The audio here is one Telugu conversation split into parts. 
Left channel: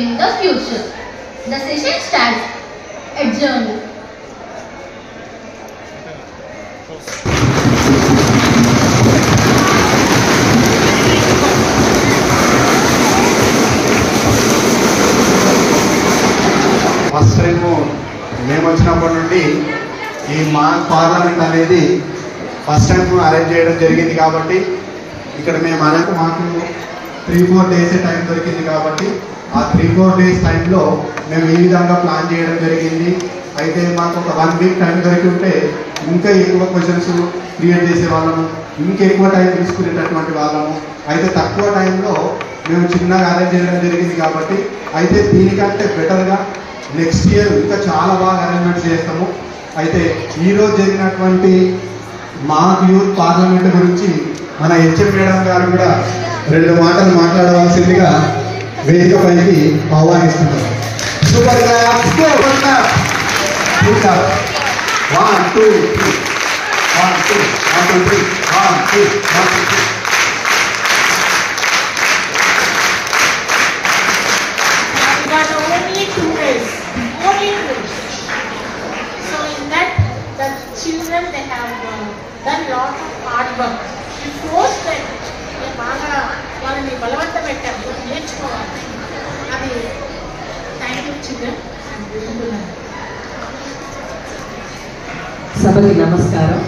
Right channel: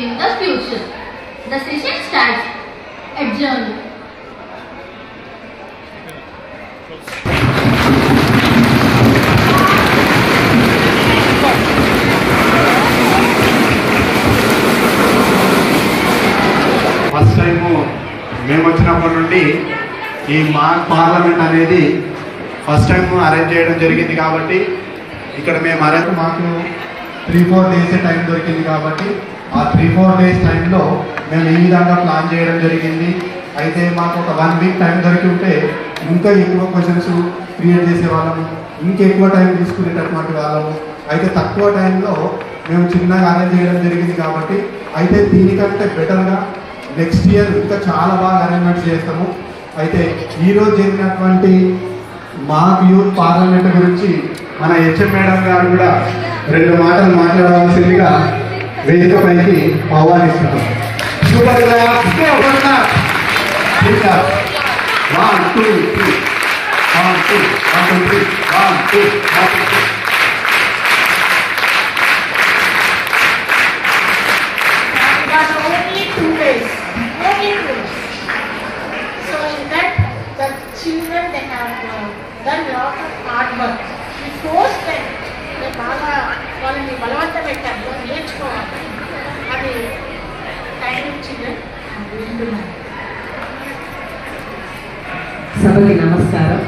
shaping the future. The session starts. Adjourned. First time మేము వచ్చినప్పటి నుండి ఈ మాక్ పార్లమెంట్ అనేది ఫస్ట్ టైం అరేంజ్ చేయడం జరిగింది కాబట్టి ఇక్కడ మేము అరేంజ్ మాకు 3-4 డేస్ టైం దొరికింది కాబట్టి ఆ 3-4 డేస్ టైంలో మేము ఈ విధంగా ప్లాన్ చేయడం జరిగింది. అయితే మాకు ఒక 1 వీక్ టైం దొరికి ఉంటే ఇంకా ఎక్కువ క్వశ్చన్స్ క్రియేట్ చేసే వాళ్ళము, ఇంకా ఎక్కువ టైం తీసుకునేటటువంటి వాళ్ళము. అయితే తక్కువ టైంలో మేము చిన్నగా అరేంజ్ చేయడం జరిగింది కాబట్టి అయితే దీనికంటే బెటర్గా నెక్స్ట్ ఇయర్ ఇంకా చాలా బాగా అరేంజ్మెంట్స్ చేస్తాము. అయితే ఈరోజు జరిగినటువంటి మాక్ యూత్ పార్లమెంట్ గురించి మన హెచ్ఎం మేడం గారు కూడా 2 మాటలు మాట్లాడవలసిందిగా వేదికపైకి ఆహ్వానిస్తున్నాం. Children, they have done lot of hard work. We force them. We బాగా వాళ్ళని బలవంతం పెట్టాము నేర్చుకోవాలి. అది థ్యాంక్ యూ చిల్డ్రన్. సభకి నమస్కారం.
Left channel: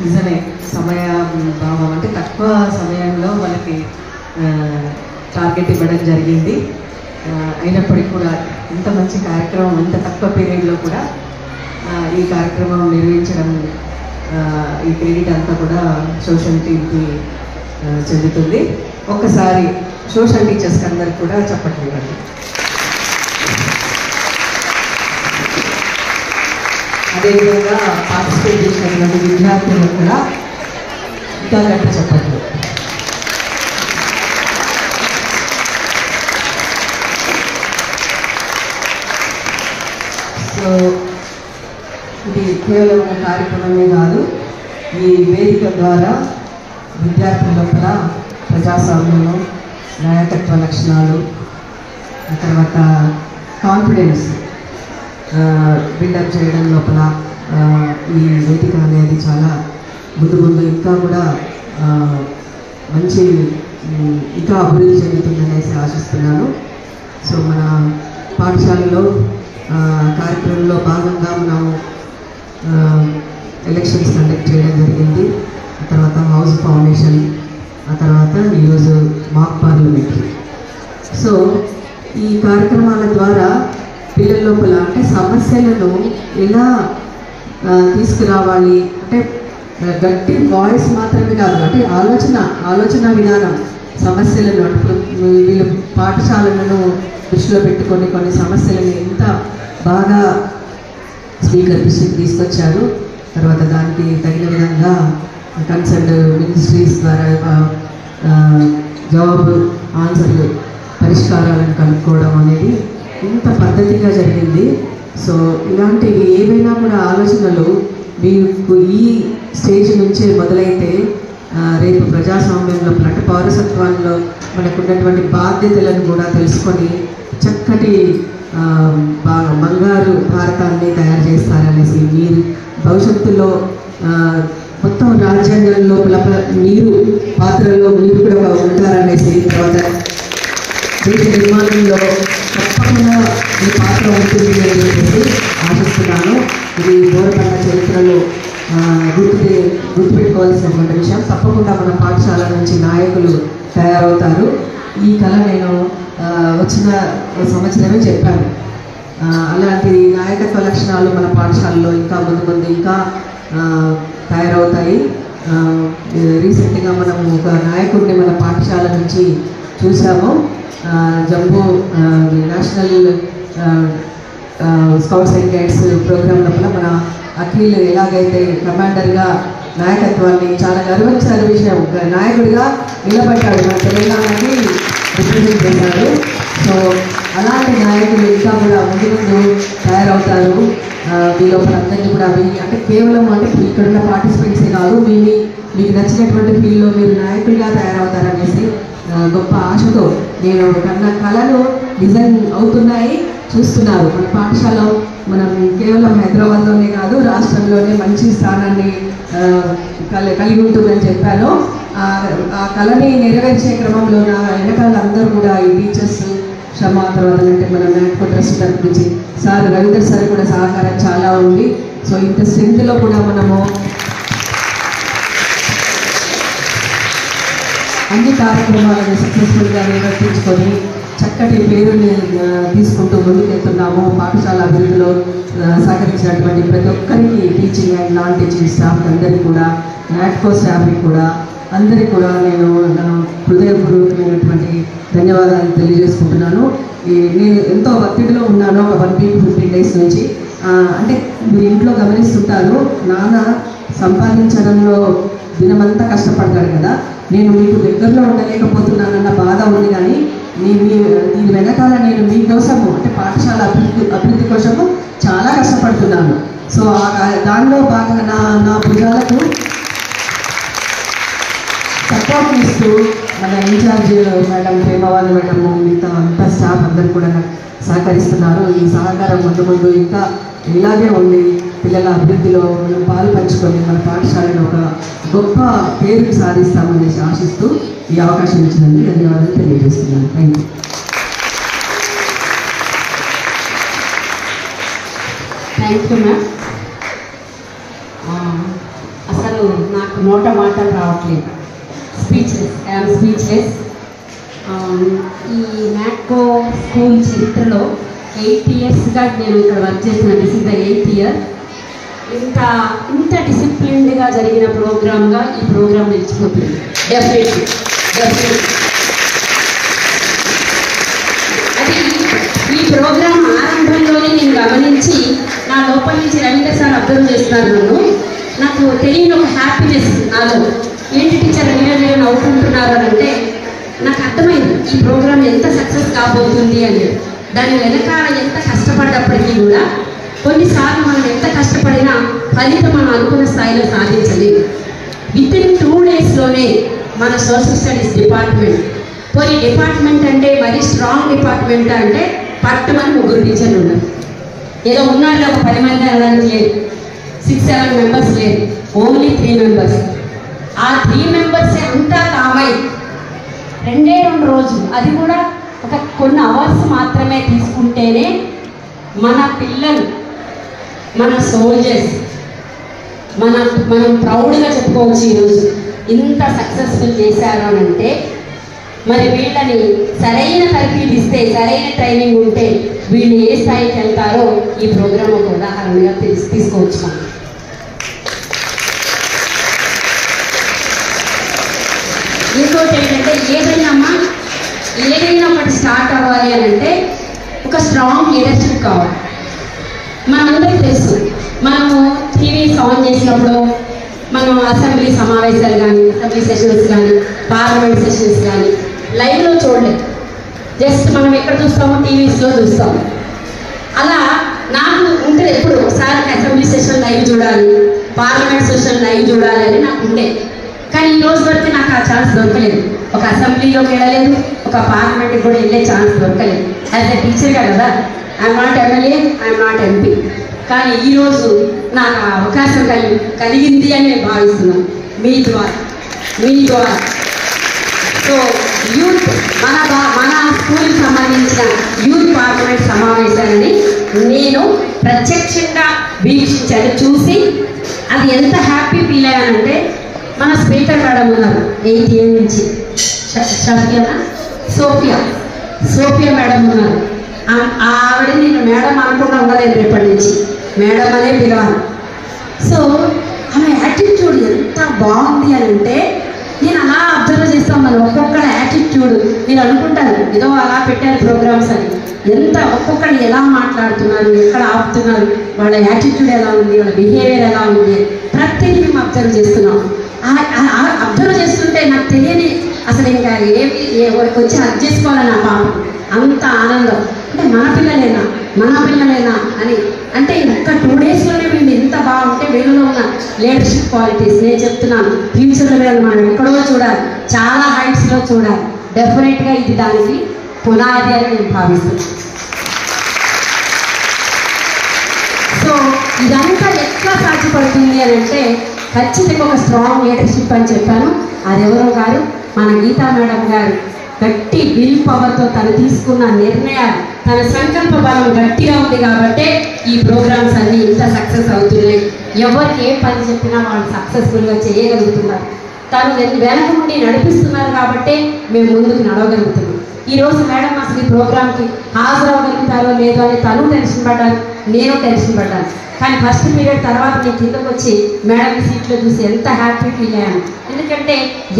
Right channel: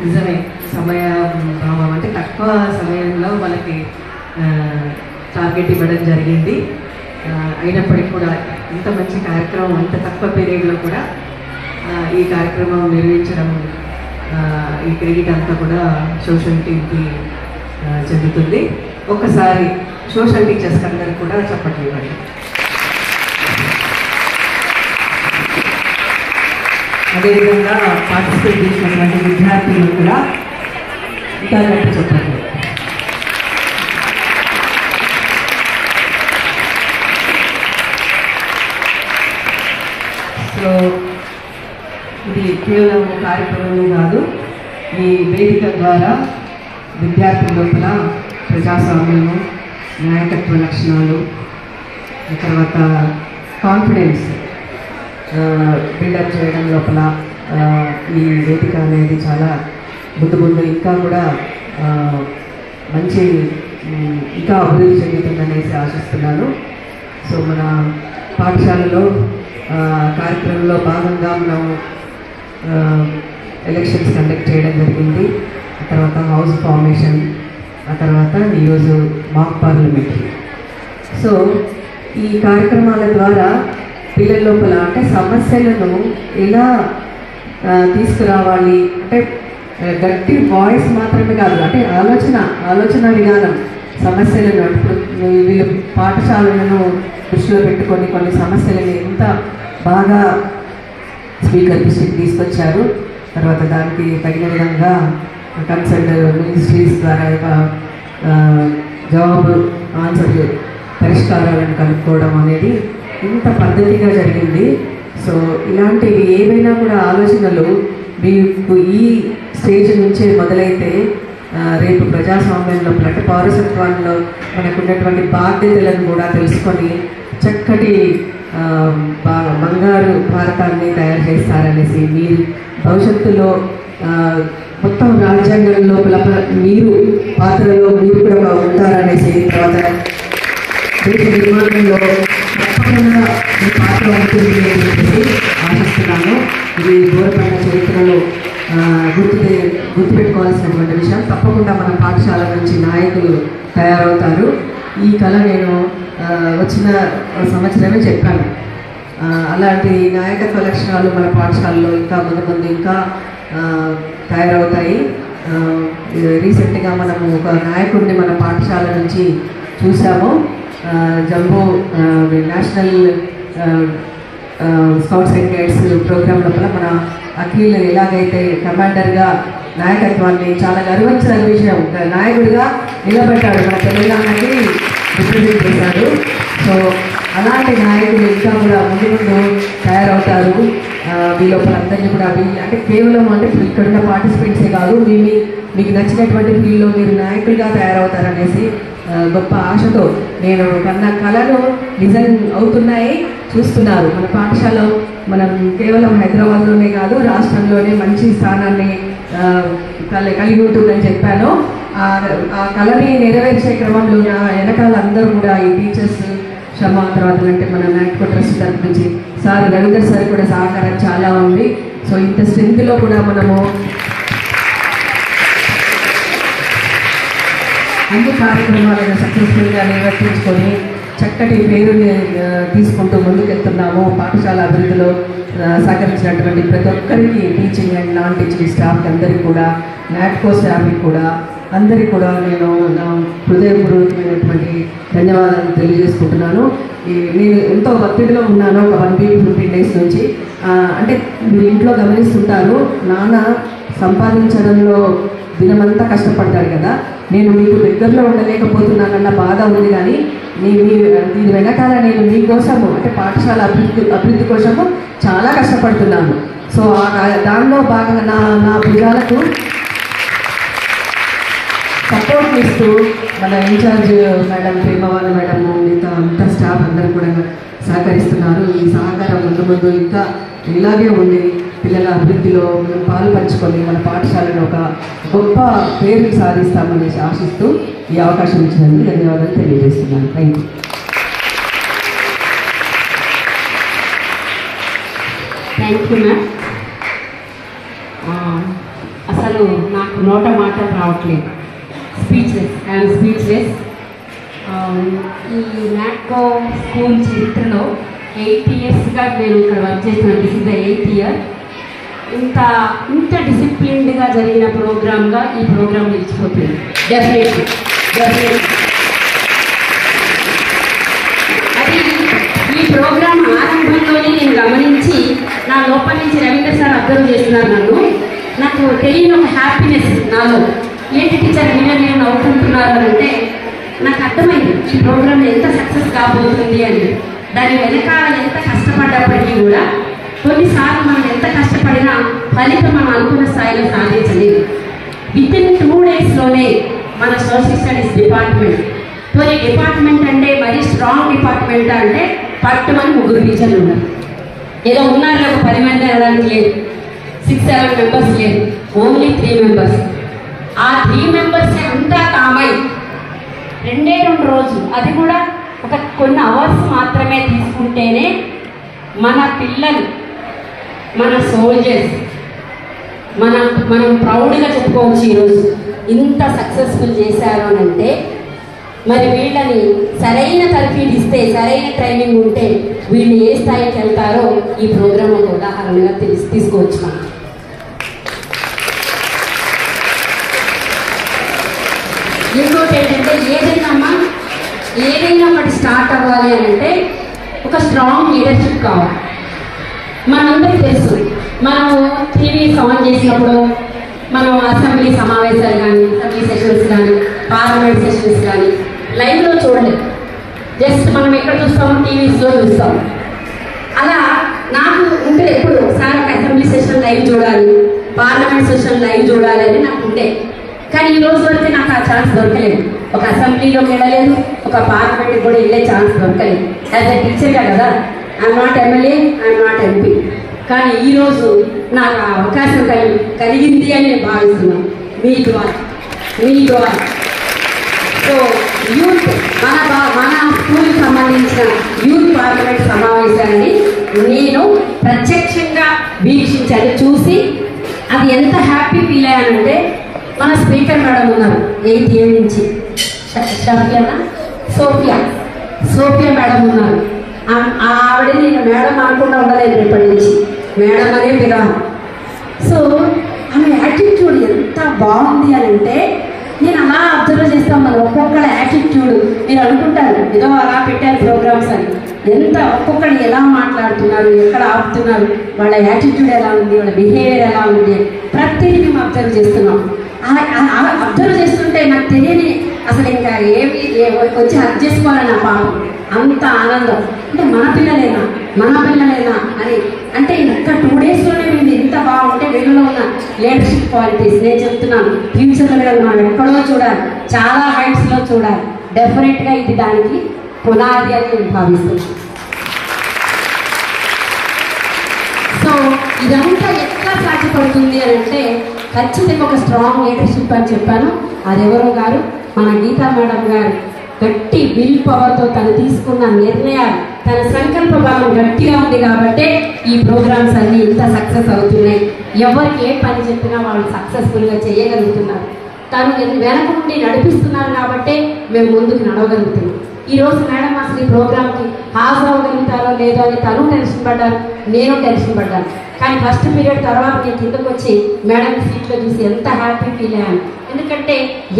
నిజమే సమయ భావం అంటే తక్కువ సమయంలో వాళ్ళకి టార్గెట్ ఇవ్వడం జరిగింది. అయినప్పటికీ కూడా ఇంత మంచి కార్యక్రమం ఇంత తక్కువ పీరియడ్లో కూడా ఈ కార్యక్రమం నిర్వహించడం ఈ క్రెడిట్ అంతా కూడా సోషల్ టీమ్కి చెందుతుంది. ఒక్కసారి సోషల్ టీచర్స్ అందరికి కూడా చెప్పండి. అదేవిధంగా పార్టిసిపేట్ చేసినటువంటి విద్యార్థులకు కూడా ఇంకా గట్టి చెప్పండి. సో ఇది కేవలం కార్యక్రమమే కాదు, ఈ వేదిక ద్వారా విద్యార్థుల లోపల ప్రజాస్వామ్యము, నాయకత్వ లక్షణాలు, తర్వాత కాన్ఫిడెన్స్ బిల్డప్ చేయడం లోపల ఈ వేదిక అనేది చాలా ముందు ఇంకా కూడా మంచి ఇంకా అభివృద్ధి చెందుతుందనేసి ఆశిస్తున్నాను. సో మన పాఠశాలలో కార్యక్రమంలో భాగంగా మనం ఎలక్షన్స్ కండక్ట్ చేయడం జరిగింది. ఆ తర్వాత హౌస్ ఫార్మేషన్, ఆ తర్వాత ఈరోజు మాక్ పార్లమెంటరీ. సో ఈ కార్యక్రమాల ద్వారా పిల్లల లోపల అంటే సమస్యలను ఎలా తీసుకురావాలి అంటే గట్టి వాయిస్ మాత్రమే కాదు, అంటే ఆలోచన విధానం సమస్యలను వీళ్ళు పాఠశాలను దృష్టిలో పెట్టుకొని కొన్ని సమస్యలను ఎంత బాగా స్పీకర్ తీసుకొచ్చారు. తర్వాత దానికి తగిన విధంగా కన్సర్న్ మినిస్ట్రీస్ ద్వారా జవాబు ఆన్సర్ పరిష్కారాలను కనుక్కోవడం అనేది ఇంత పద్ధతిగా జరిగింది. సో ఇలాంటివి ఏవైనా కూడా ఆలోచనలు మీకు ఈ స్టేజ్ నుంచే మొదలైతే రేపు ప్రజాస్వామ్యంలో అంటే పౌరసత్వంలో మనకున్నటువంటి బాధ్యతలను కూడా తెలుసుకొని చక్కటి బంగారు భారతాన్ని తయారు చేస్తారనేసి, మీరు భవిష్యత్తులో మొత్తం రాజ్యాంగం లోపల మీరు పాత్రలో మీరు కూడా ఉంటారనేసి, తర్వాత దేశ నిర్మాణంలో తప్పకుండా మీ పాత్ర ఉంటుంది అనేసి ఆశిస్తున్నాను. ఇది బోరబండ చరిత్రలో గుర్తుపెట్టుకోవాల్సినటువంటి విషయం. తప్పకుండా మన పాఠశాల నుంచి నాయకులు తయారవుతారు. ఈ కళ నేను వచ్చిన సంవత్సరమే చెప్పాను. అలాంటి నాయకత్వ లక్షణాలు మన పాఠశాలలో ఇంకా ముందు ఇంకా తయారవుతాయి. రీసెంట్గా మనము ఒక నాయకుడిని మన పాఠశాల నుంచి చూసాము. Jumbo national scouts and guides programme లోపల మన అఖిల్ ఎలాగైతే కమాండర్గా నాయకత్వాన్ని చాలా గర్వించిన విషయం, నాయకుడిగా నిలబడ్డాడు, మన తెలంగాణకి రిప్రజెంట్ చేశాడు. సో అలాంటి నాయకులు ఇంకా కూడా ముందు తయారవుతారు. వీళ్ళొకరు అందరినీ కూడా అంటే కేవలం అంటే ఇక్కడున్న పార్టిసిపెంట్సే కాదు, మీకు నచ్చినటువంటి ఫీల్డ్లో మీరు నాయకులుగా తయారవుతారనేసి గొప్ప ఆశతో నేను కన్న కళలు నిజం అవుతున్నాయి, చూస్తున్నారు. మన పాఠశాల మనం కేవలం హైదరాబాద్లోనే కాదు, రాష్ట్రంలోనే మంచి స్థానాన్ని కలిగి ఉంటుందని చెప్పాను. ఆ కళని నెరవేర్చే క్రమంలో నా వెనకాల అందరూ కూడా ఈ టీచర్స్ శ్రమ తర్వాత అంటే మన నాట్కో ట్రస్ట్ తరఫు నుంచి సార్ రవీందర్ సార్ కూడా సహకారం చాలా ఉంది. సో ఇంత స్ట్రెంత్లో కూడా మనము అన్ని కార్యక్రమాలను సక్సెస్ఫుల్గా నిర్వర్తించుకొని చక్కటి పేరుని తీసుకుంటూ ముందుకెళ్తున్నాము. పాఠశాల అభివృద్ధిలో సహకరించినటువంటి ప్రతి ఒక్కరికి, teaching and non teaching staff అందరికీ కూడా, నాట్కో స్టాఫ్కి కూడా, అందరికీ కూడా నేను నా హృదయపూర్వకమైనటువంటి ధన్యవాదాలు తెలియజేసుకుంటున్నాను. నేను ఎంతో ఒత్తిడిలో ఉన్నాను ఒక 1 week 15 days నుంచి. అంటే మీరు ఇంట్లో గమనిస్తుంటారు, నాన్న సంపాదించడంలో దినమంతా కష్టపడతాడు కదా, నేను మీకు దగ్గరలో ఉండలేకపోతున్నానన్న బాధ ఉంది. కానీ దీని వెనకాల నేను మీకోసము అంటే పాఠశాల అభివృద్ధి కోసము చాలా కష్టపడుతున్నాను. సో దానిలో భాగంగా నా భుజాలకు సపోర్ట్ ఇస్తూ మన ఇన్ఛార్జ్ మేడం, ప్రేమవాళ్ళ మేడం, మిగతా అంతా స్టాఫ్ అందరూ కూడా సహకరిస్తున్నారు. ఈ సహకారం ముందు ఇంకా ఇలాగే ఉండి పిల్లల అభివృద్ధిలో పాలు పంచుకొని మన పాఠశాలను ఒక గొప్ప పేరుకి సాధిస్తామని ఆశిస్తూ ఈ అవకాశం ఇచ్చినందుకు ధన్యవాదాలు తెలియజేస్తున్నాను. Thank you. Thank you ma'am. అసలు నాకు నోట మాటలు రావట్లేదు, ఐఎమ్ స్పీచ్లెస్. ఈ నాట్కో స్కూల్ చరిత్రలో 8 yearsగా నేను ఇక్కడ వర్క్ చేసిన, this is the 8th year. ఇంత డిసిప్లిన్డ్గా జరిగిన ప్రోగ్రామ్గా ఈ ప్రోగ్రామ్ నిలిచిపోతుంది. డెఫినెట్లీ అది ఈ ప్రోగ్రామ్ ఆరంభంలోనే నేను గమనించి నా లోపల నుంచి రవీందర్ సార్ అబ్జర్వ్ చేస్తున్నారు నన్ను. నాకు తెలియని ఒక హ్యాపీనెస్ నాలో, ఏంటి టీచర్ మీరు నవ్వుకుంటున్నారు అని అంటే నాకు అర్థమైంది ఈ ప్రోగ్రామ్ ఎంత సక్సెస్ కాబోతుంది అని. దాని వెనకాల ఎంత కష్టపడ్డప్పటికీ కూడా కొన్నిసార్లు మనం ఎంత కష్టపడినా ఫలితం మనం అనుకున్న స్థాయిలో సాధించలేదు. వితిన్ 2 daysలోనే మన సోషల్ స్టడీస్ డిపార్ట్మెంట్ అంటే మరి స్ట్రాంగ్ డిపార్ట్మెంట్ అంటే పట్టుమని 3 టీచర్లు ఉన్నారు. ఏదో ఉన్నారు ఒక 10 మంది అనడానికి లేదు, 6-7 members లేదు, ఓన్లీ 3 members. ఆ 3 members అంతా కామై 2 రోజులు, అది కూడా ఒక కొన్ని అవర్స్ మాత్రమే తీసుకుంటేనే మన పిల్లలు, మన సోల్జర్స్, మనం ప్రౌడ్గా చెప్పుకోవచ్చు ఈరోజు ఇంత సక్సెస్ఫుల్ చేశారు అని అంటే. మరి వీళ్ళని సరైన తరఫీదు ఇస్తే, సరైన ట్రైనింగ్ ఉంటే వీళ్ళు ఏ స్థాయికి వెళ్తారో ఈ ప్రోగ్రామ్ ఒక ఉదాహరణగా తీసుకోవచ్చు మనం. ఇంకోటి ఏంటంటే ఏదైనా ఒకటి స్టార్ట్ అవ్వాలి అని అంటే ఒక స్ట్రాంగ్ లీడర్షిప్ కావాలి. మనందరికీ తెలుసు, మనము టీవీస్ ఆన్ చేసినప్పుడు మనం అసెంబ్లీ సమావేశాలు కానీ, అసెంబ్లీ సెషన్స్ కానీ, పార్లమెంట్ సెషన్స్ కానీ లైవ్లో చూడలేదు. జస్ట్ మనం ఎక్కడ చూస్తామో టీవీస్లో చూస్తాం. అలా నాకు ఉంటుంది ఎప్పుడు ఒకసారి అసెంబ్లీ సెషన్ లైవ్ చూడాలి, పార్లమెంట్ సెషన్ లైవ్ చూడాలి అని నాకు ఉండే. కానీ ఈ రోజు వరకు నాకు ఆ ఛాన్స్ దొరకలేదు. ఒక అసెంబ్లీలోకి వెళ్ళలేదు, ఒక పార్లమెంట్కి కూడా వెళ్ళే ఛాన్స్ దొరకలేదు. యాజ్ ఎ టీచర్గా కదా, I'm not MLA, I'm not MP. కానీ ఈరోజు నాకు ఆ అవకాశం కలిగింది అని నేను భావిస్తున్నాను మీ ద్వారా. సో యూత్ మన స్కూల్కి సంబంధించిన యూత్ పార్లమెంట్ సమావేశాలని నేను ప్రత్యక్షంగా వీక్షించాను, చూసి అది ఎంత హ్యాపీ ఫీల్ అయ్యానంటే. మన స్పీకర్ మేడం ఉన్నారు 8th year నుంచి, సోఫియా మేడం ఉన్నారు. ఆవిడ నేను మేడం అనుకుంటా ఉండలేదు, రేపటి నుంచి మేడం అనే పిలవాలి. సో ఆమె యాటిట్యూడ్ ఎంత బాగుంది అని అంటే నేను అలా అబ్జర్వ్ చేస్తాను. మనం ఒక్కొక్కరి యాటిట్యూడ్ నేను అనుకుంటాను ఏదో అలా పెట్టాను ప్రోగ్రామ్స్ అని. ఎంత ఒక్కొక్కరు ఎలా మాట్లాడుతున్నారు, ఎక్కడ ఆపుతున్నారు, వాళ్ళ యాటిట్యూడ్ ఎలా ఉంది, వాళ్ళ బిహేవియర్ ఎలా ఉంది, ప్రతిదీ మేము అబ్జర్వ్ చేస్తున్నాం. అబ్జర్వ్ చేస్తుంటే నాకు తెలియని అసలు ఇంకా వచ్చి హక్ చేసుకోవాలని ఆ పాప అంత ఆనందం. అంటే మన పిల్లలేనా అని అంటే ఇంకా 2 daysలోనే వీళ్ళు ఎంత బాగుంటే వీళ్ళలో ఉన్న లీడర్షిప్ క్వాలిటీస్ నేను చెప్తున్నాను. ఫ్యూచర్లో మనం ఎక్కడో చూడాలి, చాలా హైట్స్లో చూడాలి. డెఫినెట్గా ఇది దానికి పునాది అని నేను భావిస్తున్నాను. సో ఇదంతా ఎట్లా సాధ్యపడుతుంది అని అంటే ఖచ్చితంగా ఒక స్ట్రాంగ్ లీడర్షిప్ అని చెప్పాను. అది ఎవరో గారు మన గీతా మేడం గారు గట్టి విల్ పవర్తో తను తీసుకున్న నిర్ణయాలు, తన సంకల్ప బలం గట్టిగా ఉంది కాబట్టే ఈ ప్రోగ్రామ్స్ అన్నీ ఇంత సక్సెస్ అవుతున్నాయి. ఎవరికి ఏ పని చెప్పినా వాళ్ళు సక్సెస్ఫుల్గా చేయగలుగుతున్నారు. తను వెనక నుండి నడిపిస్తున్నారు కాబట్టే మేము ముందుకు నడవగలుగుతున్నాం. ఈరోజు మేడం అసలు ఈ ప్రోగ్రామ్కి హాజరవ్వగలుగుతారో లేదో అని తను టెన్షన్ పడ్డాను, నేను టెన్షన్ పడ్డాను. కానీ ఫస్ట్ పీరియడ్ తర్వాత నేను కిందకు వచ్చి మేడం సీట్లో చూసి ఎంత హ్యాపీ ఫీల్ అయ్యాను. ఎందుకంటే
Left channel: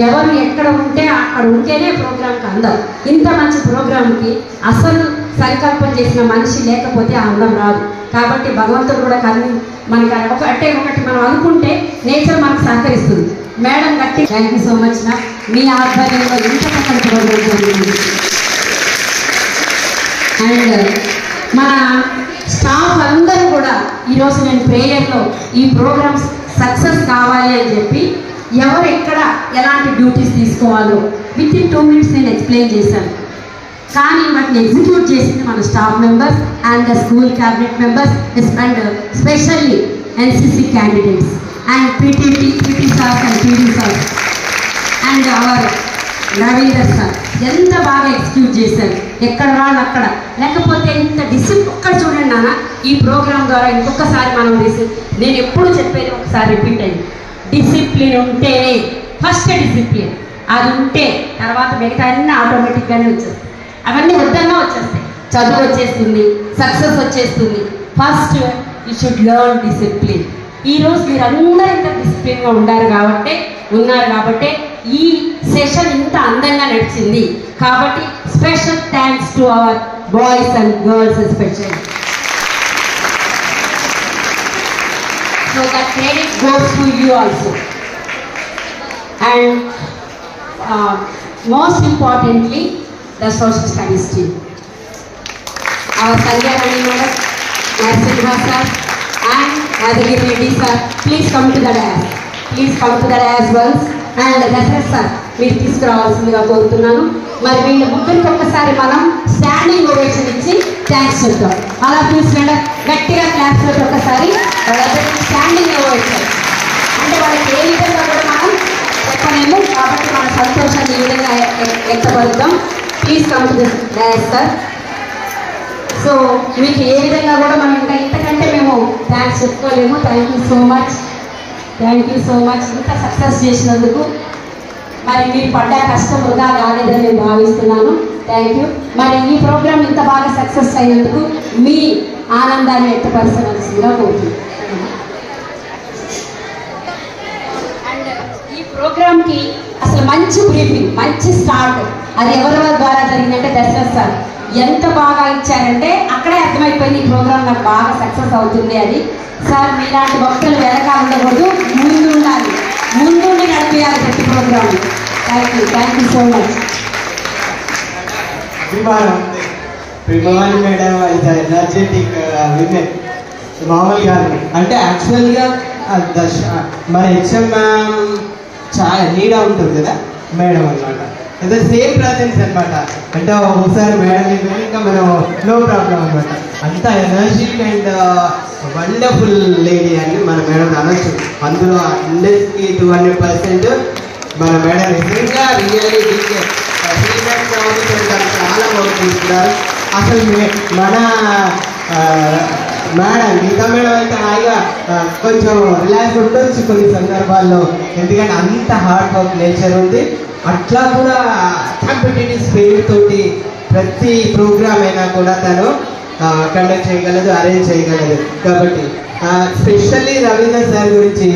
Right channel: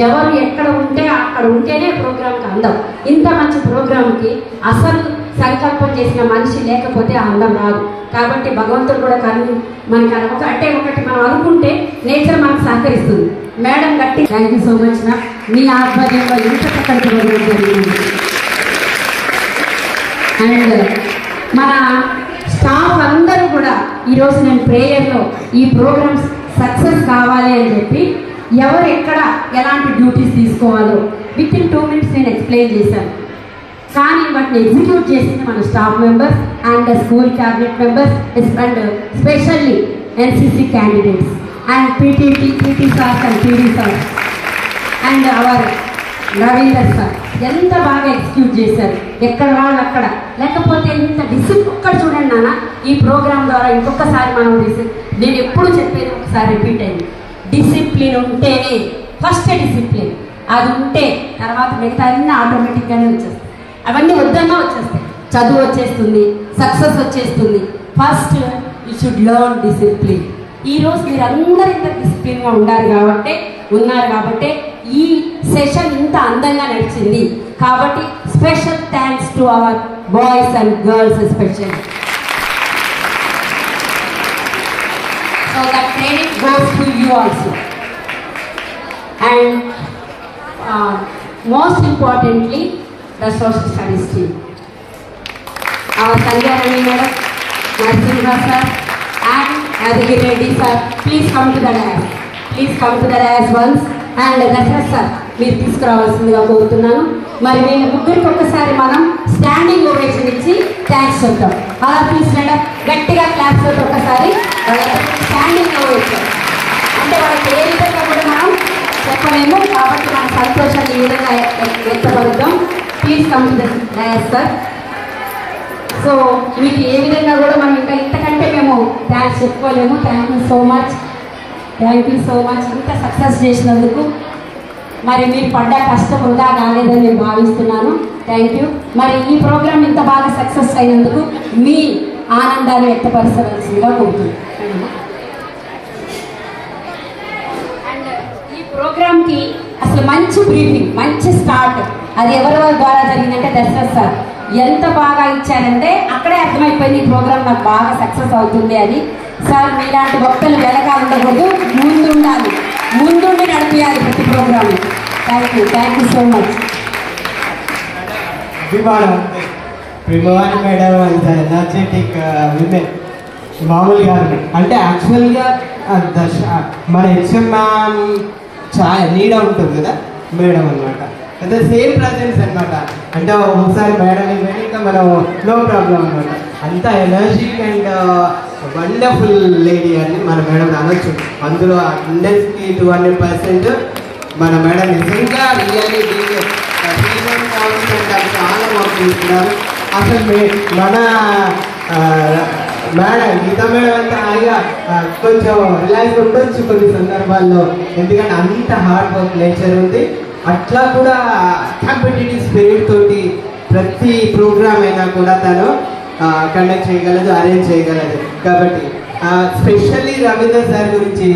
ఎవరు ఎక్కడ ఉంటే అక్కడ ఉంటేనే ప్రోగ్రామ్కి అందం. ఇంత మంచి ప్రోగ్రామ్కి అసలు సంకల్పం చేసిన మనిషి లేకపోతే ఆ అందం రాదు. కాబట్టి భగవంతుడు కూడా మనకి ఒకటి మనం అనుకుంటే నేచర్ మనకు సహకరిస్తుంది. మేడం గట్టి థ్యాంక్ యూ సో మచ్ నా మీ ఆధ్వర్యంలో ఇంత చక్కటి ప్రోగ్రామ్ జరిగింది. అండ్ మన స్టాఫ్ అందరూ కూడా ఈరోజు నేను ప్రేయర్లో ఈ ప్రోగ్రామ్స్ సక్సెస్ కావాలి అని చెప్పి ఎవరు ఎక్కడ ఎలాంటి డ్యూటీస్ తీసుకోవాలో విత్ ఇన్ 2 minutes నేను ఎక్స్ప్లెయిన్ చేశాను. కానీ వాటిని ఎగ్జిక్యూట్ చేసింది మన staff members and the school cabinet members and specially NCC candidates and PT sirs and PD sirs and our Ravinder sir ఎంత బాగా ఎగ్జిక్యూట్ చేశారు. ఎక్కడ వాళ్ళు అక్కడ లేకపోతే ఇంత డిసిప్లిన్ ఒక్కడ చూడండి నాన్న. ఈ ప్రోగ్రామ్ ద్వారా ఇంకొకసారి మనం నేను ఎప్పుడు చెప్పేది ఒకసారి రిపీట్ అయింది, డిసిప్లిన్ ఉంటేనే ఫస్ట్ డిసిప్లిన్ అది ఉంటే తర్వాత మిగతా అన్నీ ఆటోమేటిక్గానే వచ్చేస్తాయి. అవన్నీ వద్దన్నా వచ్చేస్తాయి. చదువు వచ్చేస్తుంది, సక్సెస్ వచ్చేస్తుంది. First you should learn discipline. ఈరోజు మీరు అందరూ ఇంత డిసిప్లిన్గా ఉన్నారు కాబట్టి ఈ సెషన్ ఇంత అందంగా నడిచింది. కాబట్టి special thanks to our boys and girls especially. So that credit goes to you also. And most importantly the social studies team, our Sanjay madam, Narsimha sir and Adhir Reddy sir, please come to the dais once. And Dasrath sir మీరు తీసుకురావాల్సిందిగా కోరుతున్నాను. మరి వీళ్ళ ముగ్గురికి ఒక్కసారి మనం స్టాండింగ్ ఓవేషన్ ఇచ్చి థ్యాంక్స్ చెప్తాం. అలా ప్లీజ్ మేడం గట్టిగా క్లాస్ తోటి ఒకసారి స్టాండింగ్ ఓవేషన్ అంటే వాళ్ళకి ఏ విధంగా కూడా మనం చెప్పలేము. కాబట్టి మన సంతోషాన్ని ఈ విధంగా వ్యక్తపరుద్దాం. Please come to the dais sir. So మీకు ఏ విధంగా కూడా మనం ఇంకా ఇంతకంటే మేము థ్యాంక్స్ చెప్పుకోలేము. థ్యాంక్ యూ సో మచ్ ఇంత సక్సెస్ చేసినందుకు. మరి మీరు పడ్డ కష్టం వృధా కాలేదని నేను భావిస్తున్నాను. Thank you. మరి ఈ ప్రోగ్రామ్ ఇంత బాగా సక్సెస్ అయినందుకు మీ ఆనందాన్ని వ్యక్తపరచవలసిందిగా కోరుతున్నాను. అండ్ ఈ ప్రోగ్రామ్కి అసలు మంచి బ్రీఫింగ్, మంచి స్టార్ట్ అది ఎవరెవరి ద్వారా జరిగిందంటే దశరథ్ సార్ ఎంత బాగా ఇచ్చారంటే అక్కడే అర్థమైపోయింది ఈ ప్రోగ్రామ్ నాకు బాగా సక్సెస్ అవుతుంది అని. సార్ మీలాంటి భక్తులు వెనకాల ఉండకూడదు, ముందుండి నడిపించాలి ప్రతి programme. Thank you so much. Pribhavani madam ఇది ఎనర్జెటిక్ విమెన్ మామూలుగా అంటే యాక్చువల్గా మన హెచ్ఎం మ్యామ్ నీడా ఉంటుంది కదా మేడం అనమాట. అంటే సేమ్ ప్రజెన్స్ అనమాట. అంటే ఒకసారి మేడం ఇంకా మనం నో ప్రాబ్లం అనమాట. అంత ఎనర్జిక్ అండ్ వండర్ఫుల్ లేడీ అని మన మేడం అనొచ్చు. అందులో 100కి 200% మన మేడం నిజంగా రియల్లీ చాలా బాగుంటున్నారు. అసలు మన మేడం గీతా మేడం అయితే హాయిగా కొంచెం రిలాక్స్ ఉండొచ్చు కొన్ని సందర్భాల్లో, ఎందుకంటే అంత హార్డ్ వర్క్ నేచర్ ఉంది. అట్లా కూడా కాంపిటేటివ్ స్పిరిట్ తోటి ప్రతి ప్రోగ్రామ్ అయినా కూడా తను కండక్ట్ చేయగలదు, అరేంజ్ చేయగలదు. కాబట్టి స్పెషల్లీ రవీందర్ సార్ గురించి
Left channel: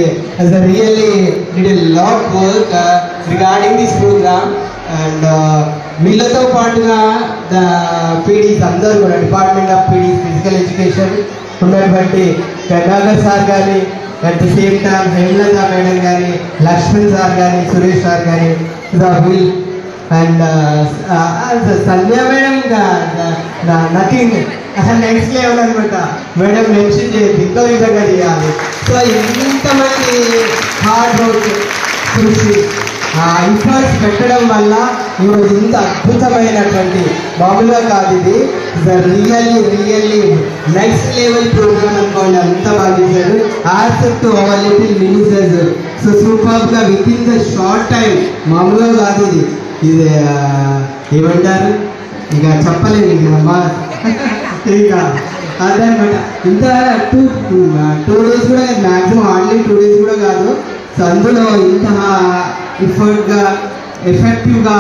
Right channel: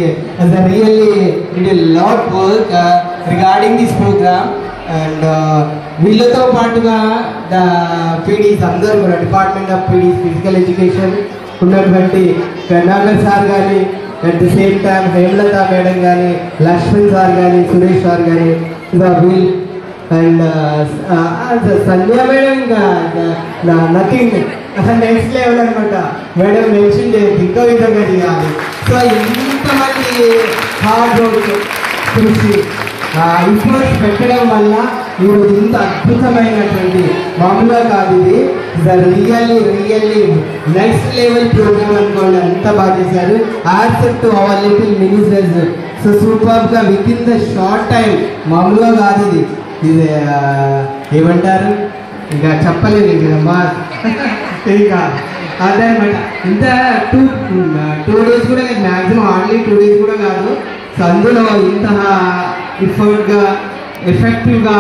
really did lot work regarding this programme. And వీళ్ళతో పాటుగా ద పీడీస్ అందరూ కూడా department of PDs physical education ఉన్నటువంటి కరుణాకర్ సార్ కానీ, at the same time Hemalatha madam కానీ, లక్ష్మణ్ సార్ కానీ, సురేష్ సార్ కానీ, the wheel and Sandhya madam nothing అసలు నెక్స్ట్ లెవెల్ అనమాట. మేడం మెన్షన్ చేసి ఇంకో విధంగా చేయాలి. సో ఇంతమంది హార్డ్ వర్క్ కృషి ఎఫర్ట్స్ పెట్టడం వల్ల ఈరోజు ఇంత అద్భుతమైనటువంటి మామూలుగా కాదు, ఇది రియల్లీ నెక్స్ట్ లెవెల్ ప్రోగ్రామ్ అనుకోండి. అంత బాగా చేశారు. Accept our little ministers. So సూపర్గా within the short time, మామూలుగా కాదు ఇది. ఇది ఏమంటారు, ఇక చెప్పలేదు ఇక ఇక అదనమాట. ఇంత టూ డేస్ కూడా కాదు, మ్యాక్సిమం ఆన్లీ 2 days కూడా కాదు. సో అందులో ఇంత ఎఫర్ట్గా, ఎఫెక్టివ్గా,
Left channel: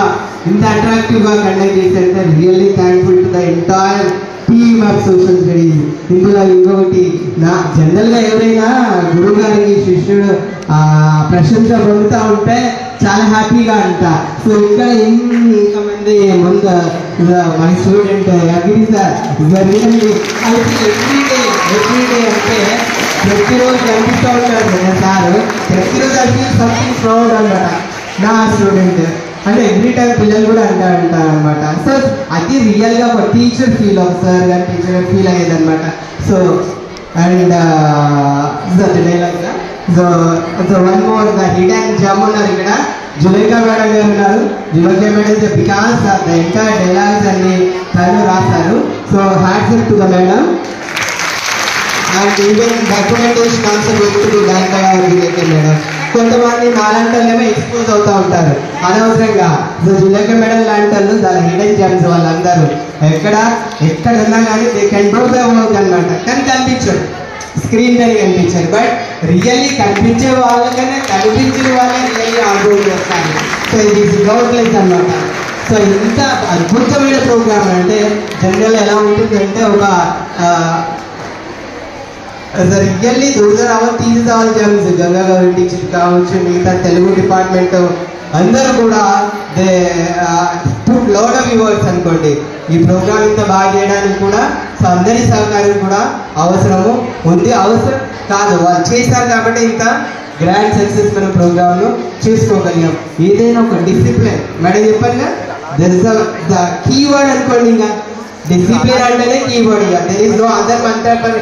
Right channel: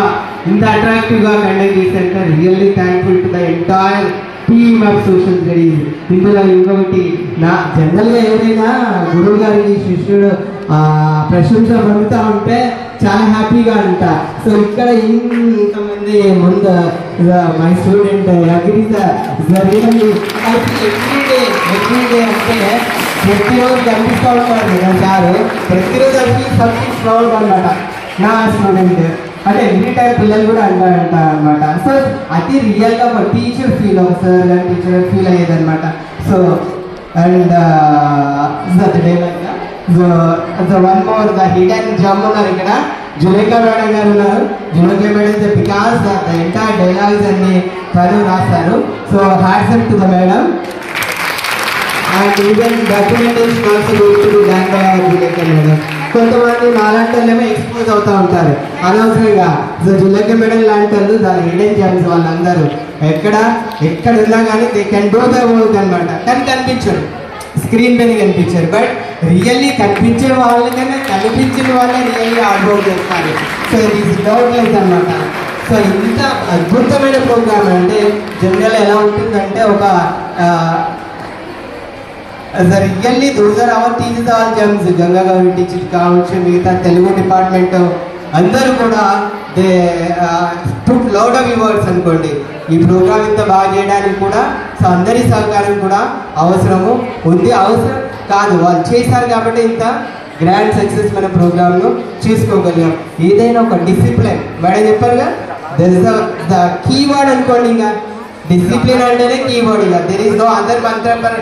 ఇంత అట్రాక్టివ్గా కండక్ట్ చేశారంటే really thankful to the entire team of social studies. ఇందులో ఇంకొకటి, నా జనరల్గా ఎవరైనా గురువు గారికి శిష్యుడు ప్రశంస పొందుతూ ఉంటే చాలా హ్యాపీగా అంట. సో ఇక్కడ ఇంతమంది ముందు my student agri sir everyday అంటే ప్రతిరోజు కనిపిస్తూ ఉంటారు సార్. ప్రతిరోజు అది సంథింగ్ ప్రౌడ్ అనమాట. నా స్టూడెంట్ అంటే ఎవ్రీ టైం పిల్లలు కూడా అంటారు అనమాట. సో అది రియల్గా ఒక టీచర్ ఫీల్, ఒక సార్ కానీ టీచర్ ఫీల్ అయ్యేది అనమాట. So and so one more, the hidden gem ఉన్నారు ఇక్కడ. జులేఖా మేడం గారు ఉన్నారు. Zulekha madam because the entire dialogues అన్ని తను రాస్తారు. So hats up to the madam. And even documentation also goes to be done by our Zulekha madam. కొంతమంది నాలాంటోళ్ళేమో ఎక్స్పోజ్ అవుతూ ఉంటారు అనవసరంగా. సో జులేఖా మేడం లాంటి వాళ్ళు దాని హిడెన్ జమ్స్ వాళ్ళందరూ ఎక్కడ ఉన్నా కానీ they can do the work అనమాట. కానీ కనిపించరు, స్క్రీన్ పైన కనిపించారు. బట్ రియల్లీ కనిపించే వాళ్ళకైనా కనిపించిన వాళ్ళే రియల్లీ హార్డ్ చేస్తారు. సో ఇది గవర్నెన్స్ అనమాట. సో ఇంత అద్భుతమైన ప్రోగ్రామ్ అంటే జనరల్ ఎలా ఉంటుందంటే ఒక really those are our teachers, all gems. Ganga గారి టీచర్ కావచ్చు, మిగతా తెలుగు డిపార్ట్మెంట్ అందరూ కూడా they took lot of efforts అనుకోండి ఈ ప్రోగ్రామ్ ఇంత బాగా చేయడానికి కూడా. సో అందరి సహకారం కూడా అవసరము ఉంది, అవసరం కాదు, వాళ్ళు చేశారు కాబట్టి ఇంత గ్రాండ్ సక్సెస్ మన ప్రోగ్రామ్ను చేసుకోగలిగాం. ఏదైనా ఒక డిసిప్లిన్, మేడం చెప్పారుగా, దట్ ఇస్ ద కీవర్డ్ అనుకోండి. ఇంకా డిసిప్లిన్ అంటేనే కీవర్డ్. ఇక దెర్ ఇస్ నో అదర్ మంత్ర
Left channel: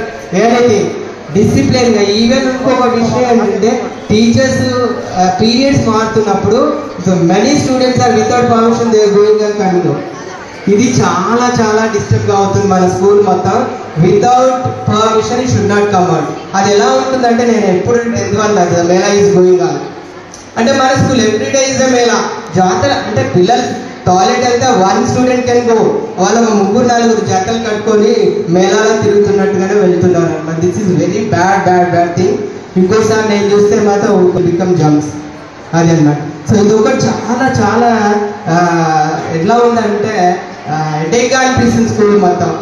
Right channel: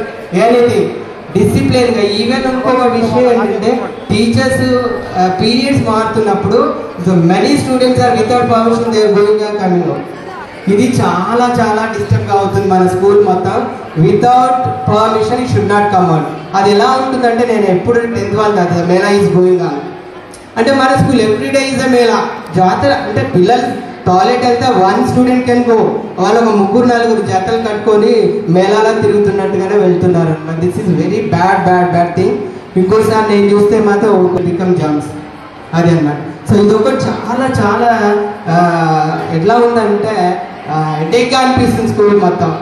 ఎనీథింగ్. డిసిప్లిన్గా. ఈవెన్ ఇంకొక విషయం ఏంటంటే టీచర్స్ పీరియడ్స్ మారుతున్నప్పుడు many students are without permission they are going and coming. ఇది చాలా చాలా డిస్టర్బ్గా అవుతుంది మన స్కూల్ మొత్తం. Without permission it should not come out. అది ఎలా ఉంటుందంటే, నేను ఎప్పుడు 10th వాళ్ళు మేళా ఈజ్ గోయింగ్ ఆన్ అంటే మన school every day is a Mela. జాతర అంటే పిల్లలు టాయిలెట్ వెళ్తే 1 student కెన్ గో, వాళ్ళు 3-4 జతలు కట్టుకొని మేళాలో తిరుగుతున్నట్టుగానే వెళ్తున్నారు. This is very bad thing. ఇంకోసారి నేను చూస్తే మాత్రం బికమ్ జంప్స్ అది అన్నాడు. సో ఇది ఒకటి చాలా ఎట్లా ఉందంటే హెడేక్గా అనిపిస్తుంది స్కూల్ మొత్తం.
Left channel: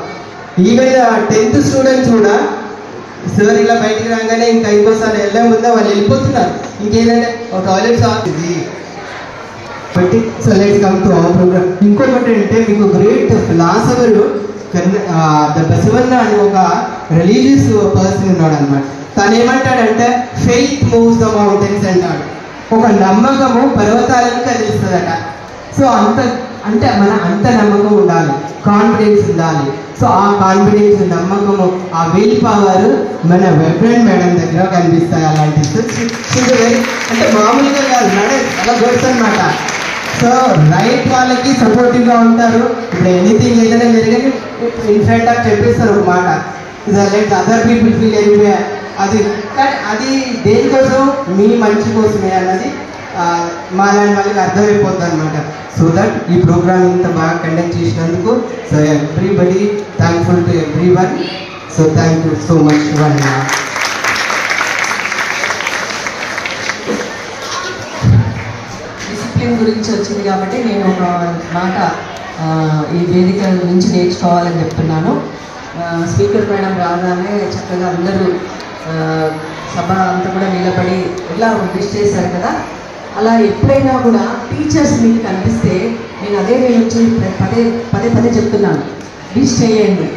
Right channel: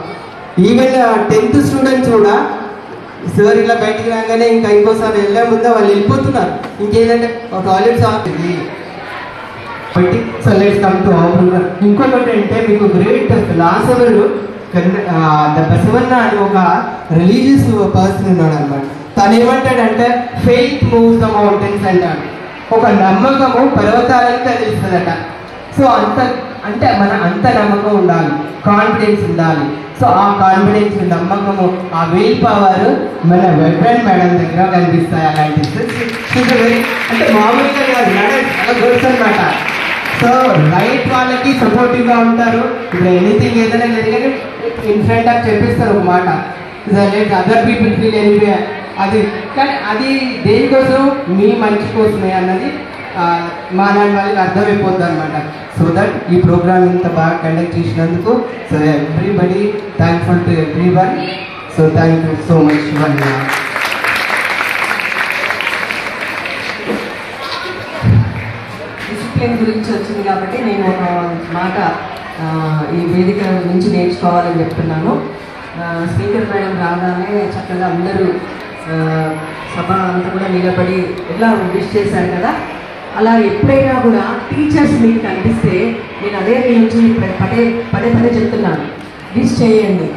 ఈవెన్ 10th స్టూడెంట్స్ కూడా సార్ ఇలా బయటికి రాగానే ఇంకా ఇంకోసారి వెళ్ళే ముందే వాళ్ళు వెళ్ళిపోతున్నారు. ఇంకేంటంటే ఒక టాయిలెట్స్ అవుతుంది. So let's come to our programme. ఇంకొకటి అంటే మీకు గ్రేట్ ఫిలాసఫర్ బసవన్న అని ఒక రిలీజియస్ పర్సన్ ఉన్నాడు అనమాట. తను ఏమంటాడంటే ఫెయిత్ మూవ్స్ ద మౌంటైన్స్ అంటాడు. ఒక నమ్మకము పర్వతాలను కదిలిస్తుందట. సో అంటే మన అంత నమ్మకం ఉండాలి, కాన్ఫిడెన్స్ ఉండాలి. సో ఆ కాన్ఫిడెన్స్, నమ్మకము, ఆ విల్ పవర్ మన వైబ్రెంట్ మేడం దగ్గర కనిపిస్తాయి. అలాంటి అంటే మామూలుగా కాదు, మేడం అలా కూర్చోనమాట. సో రైట్ వాళ్ళకి సపోర్టివ్గా ఉంటారు. ఇప్పుడు ఎనీథింగ్ ఏదైనా జరిగితే ఇన్ ఫ్రంట్ ఆఫ్ చెప్పేస్తారు ఒక మాట, like other people feel anyway. అది కానీ అది దేనికోసం, మీ మంచి కోసమే అన్నది మా వాళ్ళకి అర్థమైపోతుంది అనమాట. సో దట్ ఈ ప్రోగ్రామ్ ఇంత బాగా కండక్ట్ చేసినందుకు so everybody thankful to everyone. So thank you so much. Discipline గురించి వచ్చింది కాబట్టి నేను ఒక మాట ఈ వేదిక గురించి నేర్చుకోవాలని చెప్తున్నాను. స్పీకర్ మేడం రాగానే చక్కగా అందరూ సభ అంతా కూడా నిలబడి ఎలా విష్ చేశారు కదా. అలా ఎప్పుడైనా కూడా టీచర్స్ మీకు కనిపిస్తే నేను అదే వచ్చి పదే చెప్తున్నాను, విష్ చేయండి.